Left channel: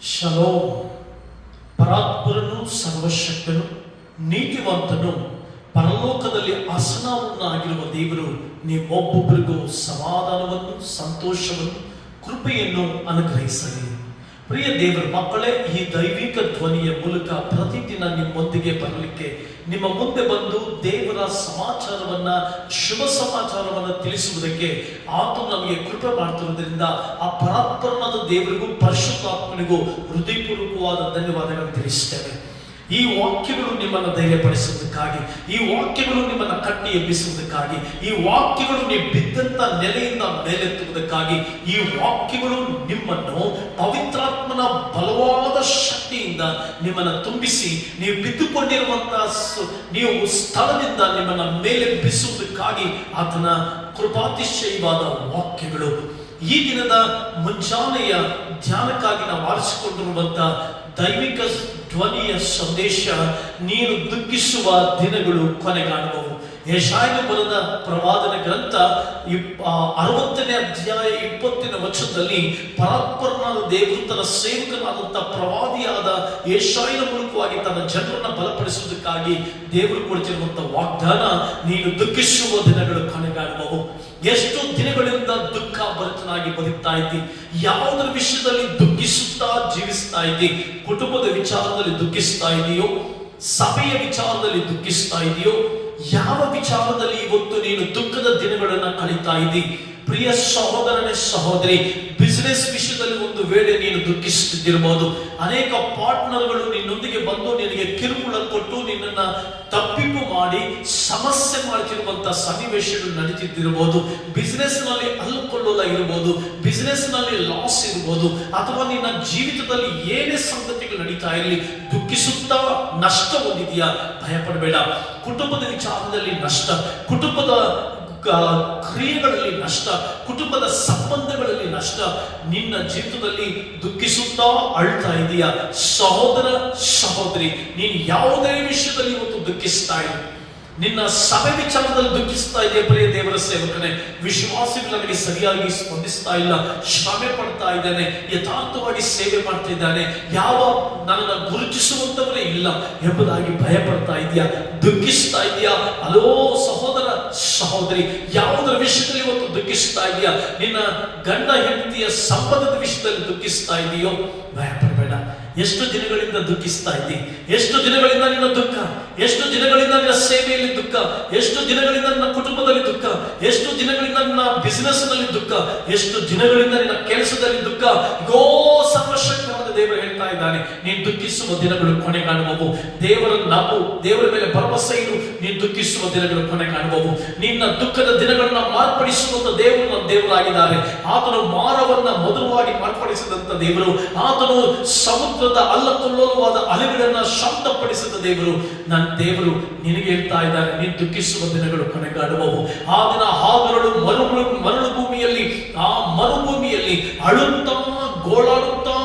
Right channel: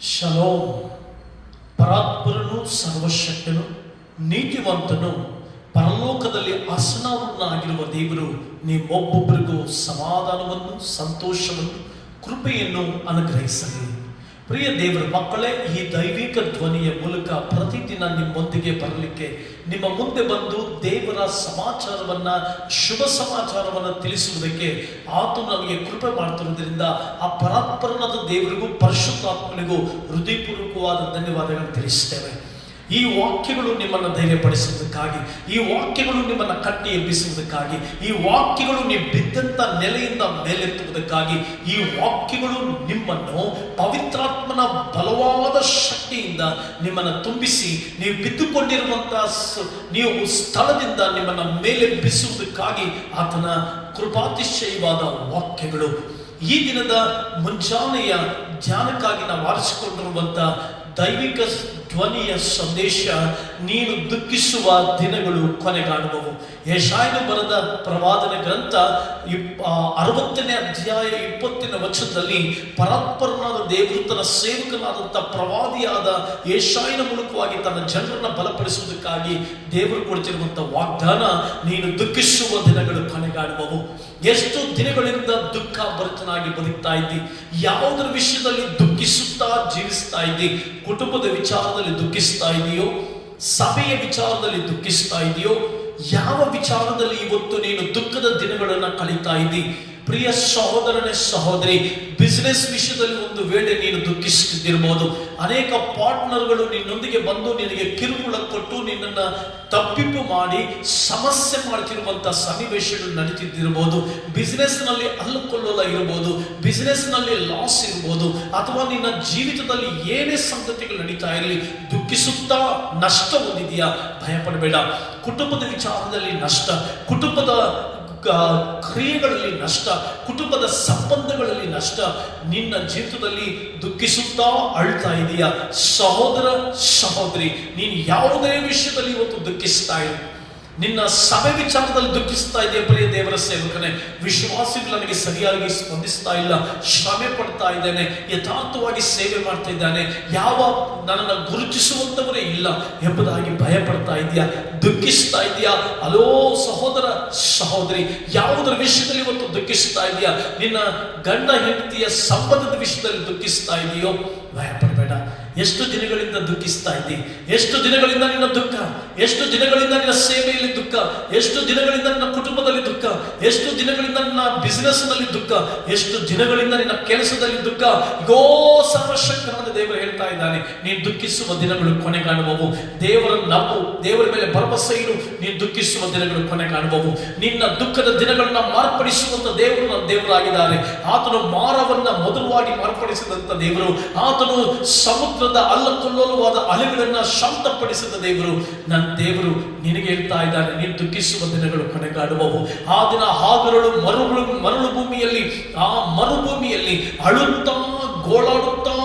ಶಲೋ ಪರಾತ್ಪರನು ಸರ್ವಶಕ್ತನು ನೀತಿವಂತನು ಪರಲೋಕದಲ್ಲಿ ಆಸನವನ್ನಾಗಿರುವ ದೇವರು ನಿಮ್ಮೊಬ್ಬೊಬ್ಬರಿಗೂ ಸಮಾಧಾನವನ್ನು ಸಂತೋಷವನ್ನು ಕೃಪೆಯನ್ನು ಅನುಗ್ರಹಿಸಲಿ. ಪ್ರಿಯ ದೇವರ ಮಕ್ಕಳೇ, ಈ ದೈವಿಕ ಧ್ವನಿಯ ಮೂಲಕ ಪ್ರತಿದಿನ ನಿಮ್ಮೊಂದಿಗೆ ಬರಲಿಕ್ಕೆ ನಿಮ್ಮ ಮುಂದೆ ಬಂದು ದೇವರ ಸಮಾಚಾರವನ್ನ, ಶುಭ ಸಮಾಚಾರವನ್ನು ತಿಳಿಸುವುದಕ್ಕೆ ಆತ ನಮಗೆ ಕೃಪೆ ಮಾಡ್ತಿರುವುದರಿಂದ ಆ ಪರಾತ್ಪರಣದ ದೇವರಿಗೂ, ಪರಿಶುದ್ಧಾತ್ಮನಿಗೂ ಹೃದಯಪೂರ್ವಕವಾದ ಧನ್ಯವಾದಗಳನ್ನು ತಿಳಿಸ್ತೇವೆ ಈ ವಾಕ್ಯಗಳು ನಿಮ್ಮನ್ನು ಧೈರ್ಯಪಡಿಸುವುದಕ್ಕಾಗಿ, ಈ ವಾಕ್ಯಗಳು ನಿಮ್ಮನ್ನು ಕಟ್ಟಿ ಎಬ್ಬಿಸುವುದಕ್ಕಾಗಿ, ಈ ವಾಕ್ಯಗಳು ನೀವು ಬಿದ್ದಂತ ನೆಲೆಯಿಂದ ಮೇಲೆತ್ತುವುದಕ್ಕಾಗಿ, ಈ ವಾಕ್ಯಗಳು ನಿಮ್ಮನ್ನು ಪವಿತ್ರಾತ್ಮನ ಬಲವಾದ ಶಕ್ತಿಯಿಂದ ನಿಮ್ಮನ್ನು ತುಂಬಿಸಿ, ನೀವು ಬಿದ್ದುಕೊಂಡಿರುವಂತಹ ನೀವು ಸ್ಥಳದಿಂದ ನಿಮ್ಮನ್ನು ಮೇಲೆಬ್ಬಿಸುವುದಕ್ಕಾಗಿ ಆತನ ಕೃಪಾತಿಶಯವಾದ ವಾಕ್ಯಗಳು. ಈ ದಿನದ ಮುಂಜಾನೆಯ ಧ್ಯಾನಕ್ಕಾಗಿ ನಾವು ಆರಿಸಿಕೊಂಡಿರುವಂತ ದೈವಿಕ ಧ್ವನಿಯ ಸಂದೇಶ ನೀನು ದುಃಖಿಸುವ ದಿನಗಳು ಕೊನೆಗಾಣುವವು. ಯಶಾಯನು ಬರೆದ ಪ್ರವಾದನ ಗ್ರಂಥ ಇಪ್- ಅರವತ್ತನೇ ಅಧ್ಯಾಯ ಇಪ್ಪತ್ತನೇ ವರ್ಷದಲ್ಲಿ ಪರಾತ್ಪರನಾದ ದೇವರು ತನ್ನ ಸೇವಕನಾದಂಥ ಪ್ರವಾದಿಯಾದ ಯಶಾಯನ ಮೂಲಕವಾಗಿ ತನ್ನ ಜನರನ್ನು ಬಲಪಡಿಸುವುದಕ್ಕಾಗಿ ದೇವರು ಕೊಡ್ತಿರುವಂಥ ವಾಗ್ದಾನ ನೀನು ದುಃಖಿಸುವ ದಿನಗಳು ಕೊನೆಗಾಣುವವು. ಎಷ್ಟು ದಿನಗಳಿಂದ ದುಃಖ ಭರಿತನಾಗಿ ಬದುಕ್ತಾ ಇದ್ದಿ? ಯಾವುದರ ವಿಷಯದಲ್ಲಿ ದುಃಖಿಸುತ್ತಾ ಜೀವಿಸ್ತಾ ಇದ್ದಿ? ಕುಟುಂಬದ ವಿಚಾರದಲ್ಲಿ ದುಃಖಿಸ್ತಾ ಇದೆಯೋ, ಸಭೆಯ ವಿಚಾರದಲ್ಲಿ ದುಃಖಿಸ್ತಾ ಇದೆಯೋ, ಯಾವ ವಿಚಾರದಲ್ಲಿ ಇವತ್ತು ನೀನು ದುಃಖದ ದಿನಗಳನ್ನು ಕಳೀತಾ ಇದ್ದಿ? ಪ್ರಿಯ ಸಹೋದರನೇ ಸಹೋದರಿ ಬಿಸ್ನೆಸ್ ವಿಷಯದಲ್ಲಿ ಒಂದು ವೇಳೆ ನೀನು ದುಃಖಿಸುತ್ತಿರಬಹುದು ಅನೇಕ ಪಾರ್ಟ್ನರ್ಗಳು ನಿನ್ನೊಂದಿಗೆ ಬಂದು ನಿನಗೆ ಕಿರುಕುಳ ಕೊಟ್ಟು ನಿನ್ನನ್ನು ತಪ್ಪಿಪ್ಪು ಮಾಡಿ, ಸಮಸ್ಯೆ ಮಾಡ್ತಿರುವಂಥ ಸನ್ನಿವೇಶಗಳು ನಡೀತಿದ್ದಿರಬಹುದು ಬಿಸ್ನೆಸ್ನಲ್ಲಿ ಅಲ್ಲುಕೊಳ್ಳೋದ ಇರಬಹುದು ಬಿಸಿನೆಸ್ನಲ್ಲಿ ಲಾಸ್ ಇರಬಹುದು ಅಥವಾ ನಿನ್ನ ಜೀವಿತದಲ್ಲಿ ಏನೇ ಸಂಗತಿಗಳು ನಡೀತಾ ಇರಲಿ, ದುಃಖಿಸುತ್ತಾ ನಷ್ಟ ಹೊಂದಿದೆಯಾ? ಭಯಪಡಬೇಡ. ಕುಟುಂಬದ ವಿಚಾರದಲ್ಲಿ ನಷ್ಟ. ಕುಟುಂಬದ ಕ್ರಿಯೆಗಳಲ್ಲಿ ನಷ್ಟ, ಕುಟುಂಬದ ಸಂಬಂಧಗಳಲ್ಲಿ ನಷ್ಟ, ನಿನ್ನ ಜೀವಿತದಲ್ಲಿ ದುಃಖಿಸುತ್ತಾ ಅಳ್ತಾ ಇದೆಯಾ. ಸಹೋದರ, ಸಹೋದರಿ, ನೀನು ಯಾವುದೇ ವಿಷಯದಲ್ಲಿ ಇವತ್ತು ದುಃಖಿಸ್ತಾ ಇರು ನಿನ್ನ ಸಭೆ ವಿಚಾರದಲ್ಲಿ ದುಃಖಿಸ್ತಾ ಇದೆ ಪ್ರಿಯ ದೇವರ ಸೇವಕನೇ? ವಿಶ್ವಾಸಿಗಳು ನನಗೆ ಸರಿಯಾಗಿ ಸ್ಪಂದಿಸ್ತಾ ಇಲ್ಲ, ಶ್ರಮೆ ಪಡ್ತಾ ಇದ್ದಾನೆ, ಯಥಾರ್ಥವಾಗಿ ಸೇವೆ ಮಾಡ್ತಾ ಇದ್ದಾನೆ. ಯಾವ ನನ್ನನ್ನು ಗುರುತಿಸುವಂತವರೇ ಇಲ್ಲ ಎಂಬುದಾಗಿ ಭಯ ಪಡ್ತಾ ಇದೆಯಾ? ದುಃಖಿಸ್ತಾ ಇದೆಯಾ? ಅಲೋ ಸಹೋದರ ಸಹೋದರಿ, ಯಾವುದರ ವಿಷಯದಲ್ಲಿ ಇವತ್ತು ದುಃಖಿಸ್ತಾ ಇದೆಯಾ? ನಿನ್ನ ಗಂಡ ಹೆಂಡತಿಯ ಸಂಬಂಧದ ವಿಷಯದಲ್ಲಿ ದುಃಖಿಸ್ತಾ ಇದೆಯೋ? ಭಯ ಪಡಬೇಡ ಎಷ್ಟು ದಿನಗಳಿಂದ ದುಃಖಿಸ್ತಾ ಇದ್ದಿ? ಎಷ್ಟು ದಿನಗಳಿಂದ ನಿನ್ನ ದುಃಖ? ಎಷ್ಟು ದಿನಗಳಿಂದ ನಿನ್ನ ಸೇವೆಯಲ್ಲಿ ದುಃಖ? ಎಷ್ಟು ದಿನಗಳಿಂದ ನಿನ್ನ ಕುಟುಂಬದಲ್ಲಿ ದುಃಖ? ಎಷ್ಟು ದಿನಗಳಿಂದ ನಿನ್ನ ಬಿಸಿನೆಸ್ನಲ್ಲಿ ದುಃಖ? ಎಷ್ಟು ದಿನಗಳಿಂದ ನಿನ್ನ ಕೆಲಸದಲ್ಲಿ ದುಃಖ? ಗೋ ಸರ್ವಶಕ್ತವಾದ ದೇವರು ಹೇಳ್ತಾ ಇದ್ದಾನೆ ನೀನು ದುಃಖಿಸುವ ದಿನಗಳು ಕೊನೆ ಕಾಣುವವು. ದೇವರ ನಂಬು ದೇವರ ಮೇಲೆ ಭರವಸೆ ಇಡು ನೀನು ದುಃಖಿಸುವ ದಿನಗಳು ಕೊನೆ ಕಾಣುವವು. ನಿನ್ನ ದುಃಖದ ದಿನಗಳನ್ನ ಮಾರ್ಪಡಿಸುವಂತ ದೇವರು ದೇವರಾಗಿದ್ದಾರೆ. ಆತನು ಮಾರವನ್ನ ಮಧುರವಾಗಿ ಮಾರ್ಪಡಿಸಿದಂತ ದೇವರು. ಆತನು ಸಮುದ್ರದ ಅಲ್ಲಕೊಲ್ಲೋಲವಾದ ಅಲೆಗಳನ್ನ ಶಾಂತಪಡಿಸಿದ ದೇವರು. ನನ್ನ ದೇವರು ನಿನಗೆ ಹೇಳ್ತಾ ಇದ್ದಾನೆ, ನೀನು ದುಃಖಿಸುವ ದಿನಗಳು ಕೊನೆಗಾಡುವವು. ಆ ದಿನ ಹಾಗರಳು ಮರುಗಳು ಮರಳು ಭೂಮಿಯಲ್ಲಿ ಆ ಮರುಭೂಮಿಯಲ್ಲಿ ಅಳುತ್ತಾ, ಗೋಳಾಡುತ್ತಾ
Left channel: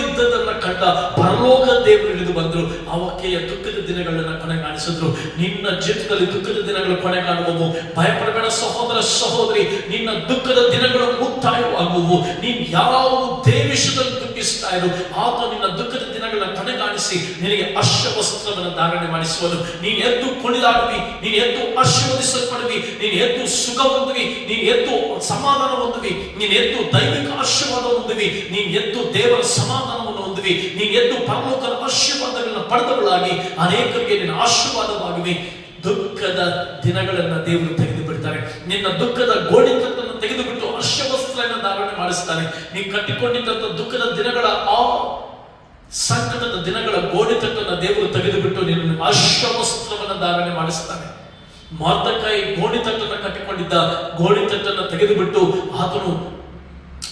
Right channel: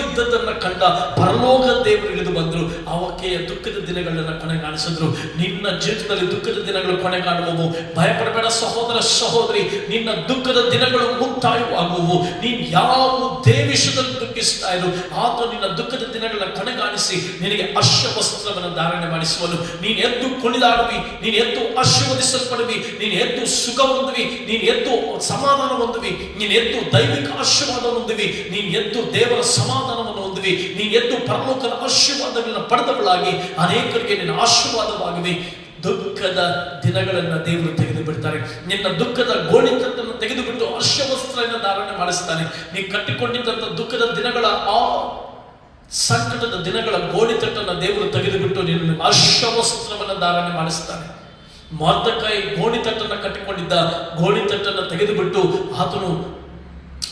ಇದ್ದದನ್ನ ಕಂಡ ಪರಲೋಕ ದೇವರು ಇಳಿದು ಬಂದರು. ಅವಕೆಯ ದುಃಖದ ದಿನಗಳನ್ನ ಕೊನೆಗಾಣಿಸಿದ್ರು. ನಿನ್ನ ಜೀವನದಲ್ಲಿ ದುಃಖದ ದಿನಗಳು ಕೊನೆಗಾಣುವವು ಭಯಪಡಬೇಡ ಸಹೋದರ ಸಹೋದರಿ, ನಿನ್ನ ದುಃಖದ ದಿನಗಳು ಮುಕ್ತಾಯವಾಗುವು. ಕೊನೆಗಾಣಿಸಿ ನಿನಗೆ ಅಶ್ವವಸ್ತ್ರವನ್ನು ಧಾರಣೆ ಮಾಡಿಸುವನು. ನೀನು ಎದ್ದು ಕುಣಿದಾಡುವಿ, ನೀನು ಎದ್ದು ಆಶೀರ್ವದಿಸಲ್ಪಡುವಿ, ನೀನು ಎದ್ದು ಸುಖ ಹೊಂದುವಿ, ನೀನು ಎದ್ದು ಸಮಾಧಾನ ಹೊಂದುವಿ, ನೀನು ಎದ್ದು ದೈವಿಕ ಆಶೀರ್ವಾದ ಹೊಂದುವಿ, ನೀನು ಎದ್ದು ದೇವರ ಸಮಾಧಾನವನ್ನು ಹೊಂದುವಿ, ನೀನು ಎದ್ದು ಪರಲೋಕದ ಆಶೀರ್ವಾದಗಳನ್ನು ಪಡೆದವಳಾಗಿ ಅನೇಕರಿಗೆ ನಿನ್ನ ಆಶೀರ್ವಾದವಾಗಿವೆ. ದುಃಖದ ದಿನಗಳನ್ನು ದೇವರು ತೆಗೆದು ಬಿಡ್ತಾರೆ ನಿನ್ನ ದುಃಖದ ಗೋಳಿತನ್ನು ತೆಗೆದುಬಿಟ್ಟು ಅಶ್ವವಸ್ತ್ರನ ಧಾರಣೆ ಮಾಡಿಸ್ತಾನೆ. ನೀ ಕಟ್ಟಿಕೊಂಡಿದ್ದಂಥ ದುಃಖದ ದಿನಗಳ ಆ ಸಂಕಟದ ದಿನಗಳ ಗೋಣಿತಟ್ಟನ್ನು ದೇವರು ತೆಗೆದುಬಿಟ್ಟು ನಿನ್ನ ಅಶ್ವಸ್ತ್ರವನ್ನು ಧಾರಣೆ ಮಾಡಿಸ್ತಾನೆ. ಮಾರ್ದಕಾಯಿ ಗೋಣಿತಟ್ಟನ್ನು ಕಟ್ಟಿಕೊಂಡಿದ್ದ ಗೋಣಿತಟ್ಟನ್ನು ತೆಗೆದುಬಿಟ್ಟು ಆತನು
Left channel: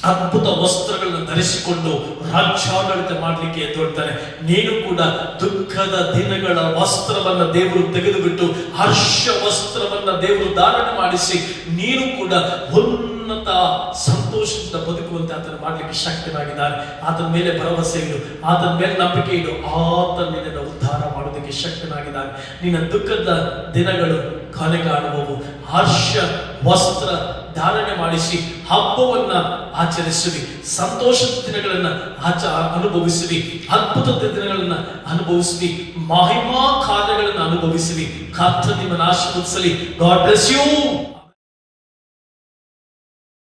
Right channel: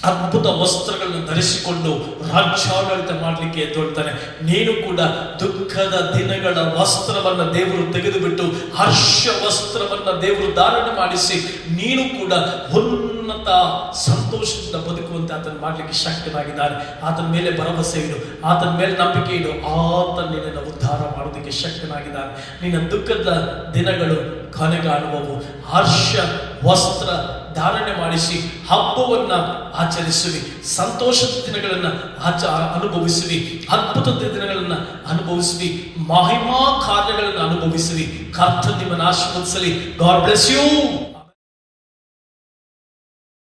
ಅದ್ಭುತ ವಸ್ತ್ರಗಳನ್ನು ಧರಿಸಿಕೊಂಡು ರಾಜ್ಯಾಡಳಿತ ಮಾಡಲಿಕ್ಕೆ ಎದ್ದೊಳ್ತಾನೆ. ನೀನು ಕೂಡ ದುಃಖದ ದಿನಗಳ ವಸ್ತ್ರವನ್ನು ದೇವರು ತೆಗೆದುಬಿಟ್ಟು ಹರ್ಷ ವಸ್ತ್ರವನ್ನು ದೇವರು ಧಾರಣೆ ಮಾಡಿಸಿ ನೀನು ಕೂಡ ಉನ್ನತ ಸಂತೋಷದಿಂದ ಬದುಕುವಂತೆ ಆತನ ಮಾಡಲಿಕ್ಕೆ ಶಕ್ತನಾಗಿದ್ದಾನೆ ಆತನ ಮೇಲೆ ಭರವಸೆ ಇಡು. ಆತನ ಮೇಲೆ ನಂಬಿಕೆ ಇಡು. ಆತನ ನಿನ್ನನ್ನು ಉದ್ಧಾರ ಮಾಡೋದಕ್ಕೆ ಶಕ್ತನಾಗಿದ್ದಾನೆ. ನಿನ್ನ ದುಃಖದ ದಿನಗಳು ಕೊನೆ ಕಾಣುವವು ಹರ್ಷ ವಸ್ತ್ರ ಧಾರಣೆ ಮಾಡಿಸಿ, ಹಬ್ಬವನ್ನ ಆಚರಿಸುವಿ. ಸಂತೋಷದ ದಿನಗಳನ್ನ ಆಚ ಅನುಭವಿಸುವಿ. ಅದ್ಭುತದ ದಿನಗಳನ್ನ ಅನುಭವಿಸುವಿ. ಮಹಿಮಾ ಕಾರ್ಯಗಳನ್ನು ಅನುಭವಿಸುವಿ. ಕರ್ತ ನಿಮ್ಮನ್ನು ಆಶೀರ್ವದಿಸಲಿ. God bless you